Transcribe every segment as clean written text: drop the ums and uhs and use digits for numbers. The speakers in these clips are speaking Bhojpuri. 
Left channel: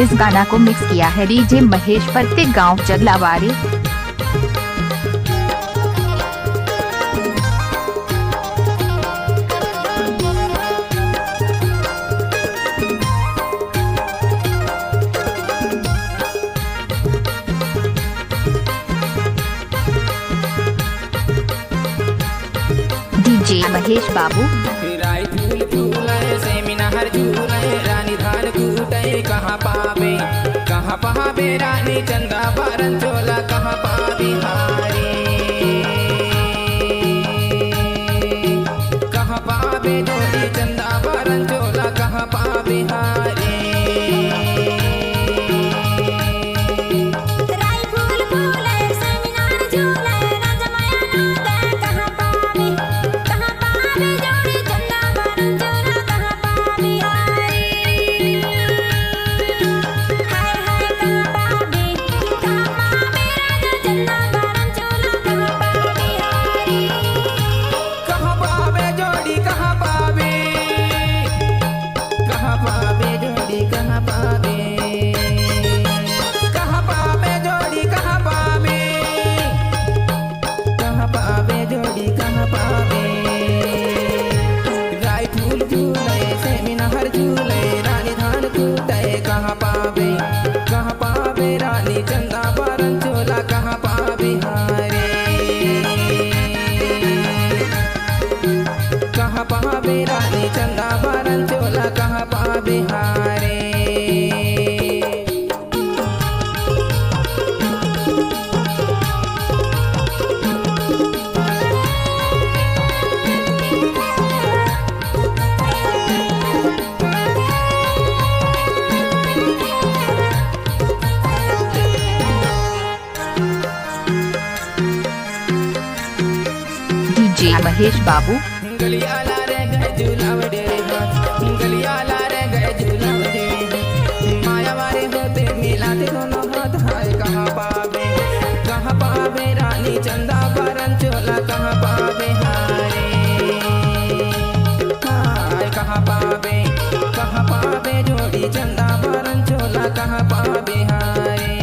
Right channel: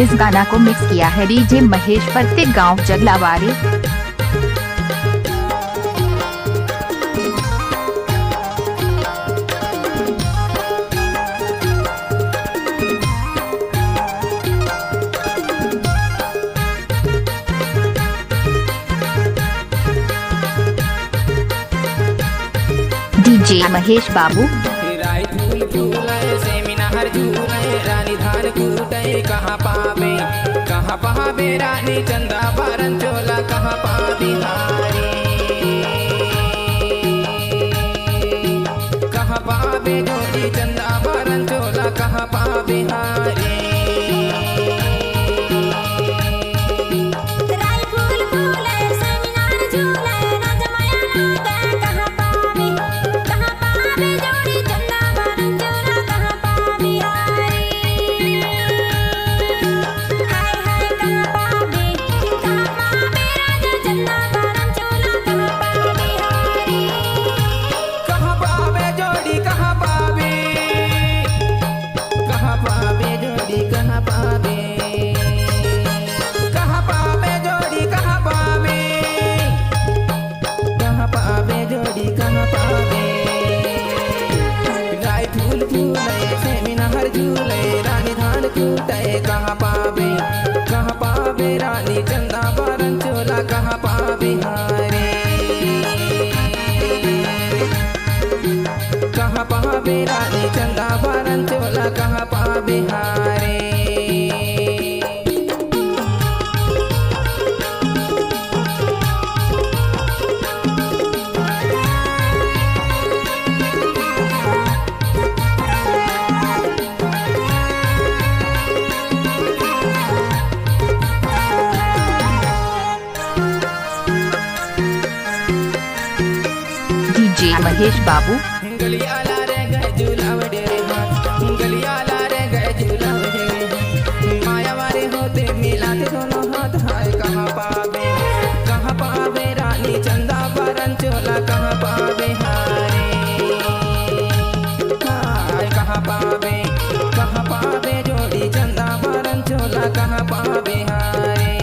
इस गाना को मिक्स किया है डीजे महेश प्रत्येक गांव जगलावाड़ी। डीजे महेश बाबू। राई फूल फूले सेमिना हर झूले रानी धान कूटे कहाँ पावे रानी चंदा बारन चोला कहाँ पावी हारी कहाँ पावे जोड़ी चंदा बारन चोला कहाँ पावे हारी। कहाँ पावे जोड़ी कहाँ पावे राई फूल फूले सेमिना हर झूले रानी धान कूटे कहाँ पावे रानी चंदा बारन चोला कहाँ पावे हारे कहाँ पावे रानी चंदा बारन चोला कहाँ पावे हारे। डीजे महेश बाबू। गलियाला रे गए झूलावड़े हाथ गलियाला रे गए झूलावड़े माया वारे होते मिलाते दोनों हाथ हाय कहाँ पावे रानी चंदा बारन चोला कहाँ पावे हारे हाय कहाँ पावे जोड़ी चंदा बारन चोला कहाँ पावे हारे।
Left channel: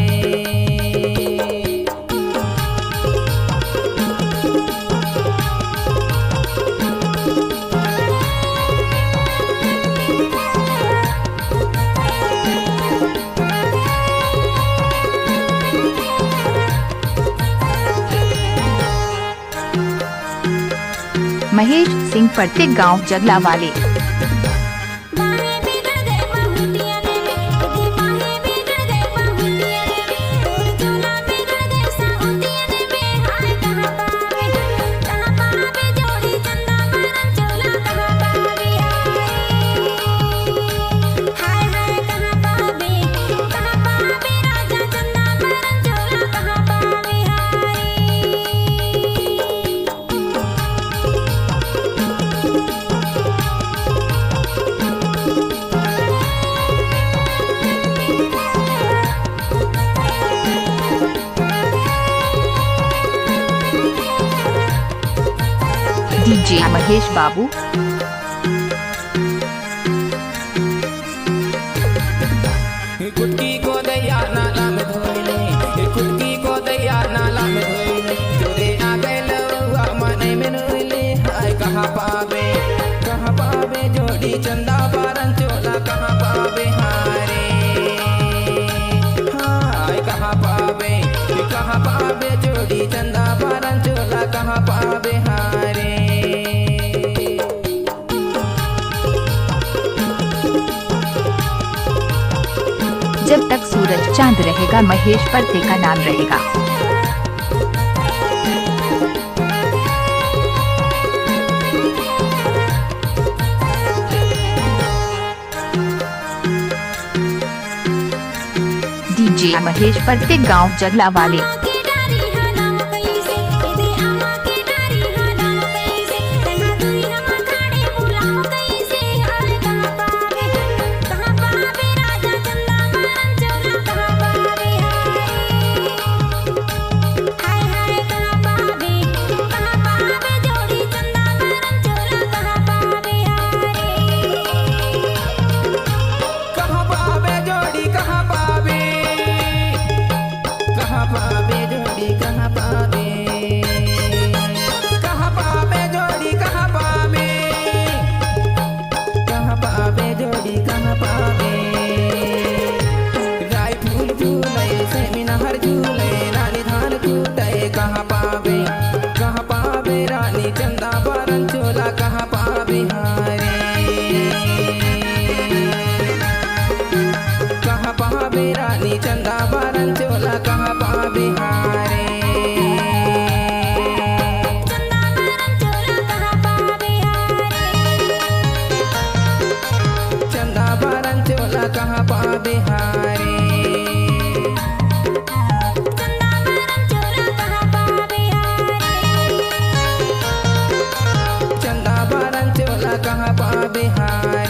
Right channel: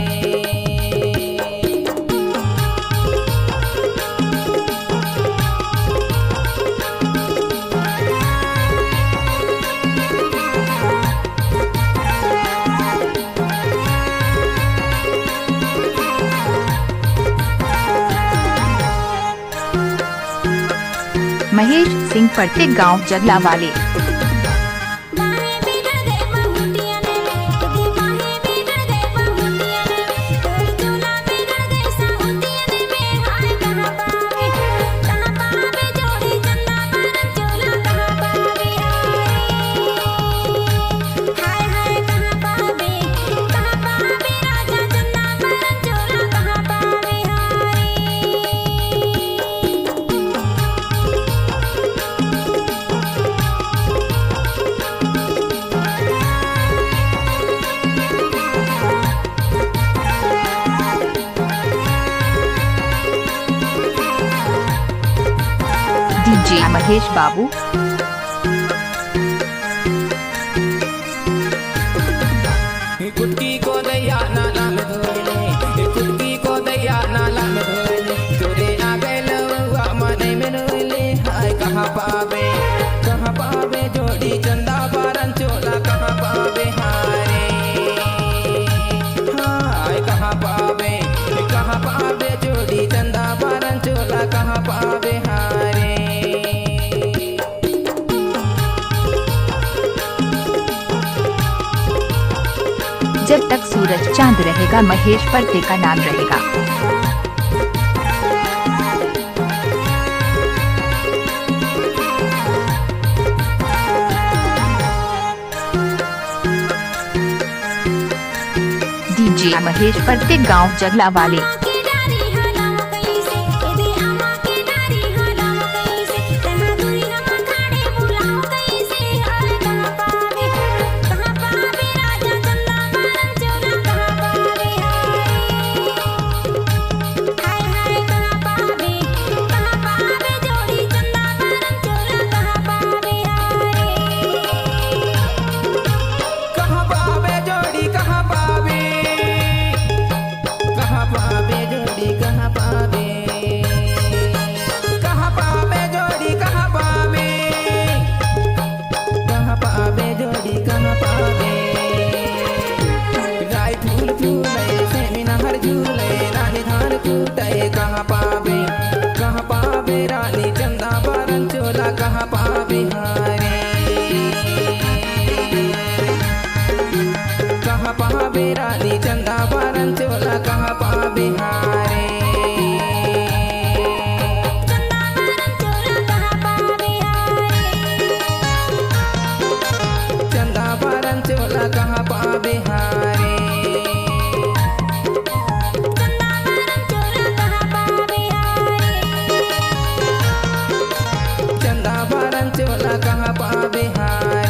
महेश सिंह प्रत्येक गांव जगलावाड़ी। डीजे महेश बाबू। कुटकी को दैया नाला में धोइले कुटकी को दैया नाला में धोइले तोरे आ गए लौआ मने में नोइले हाय कहाँ पावे जोड़ी चंदा बारन चोला कहाँ पावे हारे हाय कहाँ पावे जोड़ी चंदा बारन चोला कहाँ पावे हारे। जब तक सूरज चांद रहेगा महेश प्रत्येक का नाम रहेगा। डीजे महेश प्रत्येक गांव जगलावाड़ी। जोड़ी कहाँ पावे, कहाँ पावे जोड़ी कहाँ पावे, कहाँ पावे जोड़ी कहाँ पावे। राय फूल फूले सेमिना हर झूले रानी धान कूटे कहाँ पावे, कहाँ पावे रानी चंदा बारन चोला कहाँ पावे हारे, कहाँ पावे रानी चंदा बारन चोला कहाँ पावे हारे। चंदा बारन चोला कहाँ पावे हारे, चंदा बारन चोला कहाँ पावे हारे।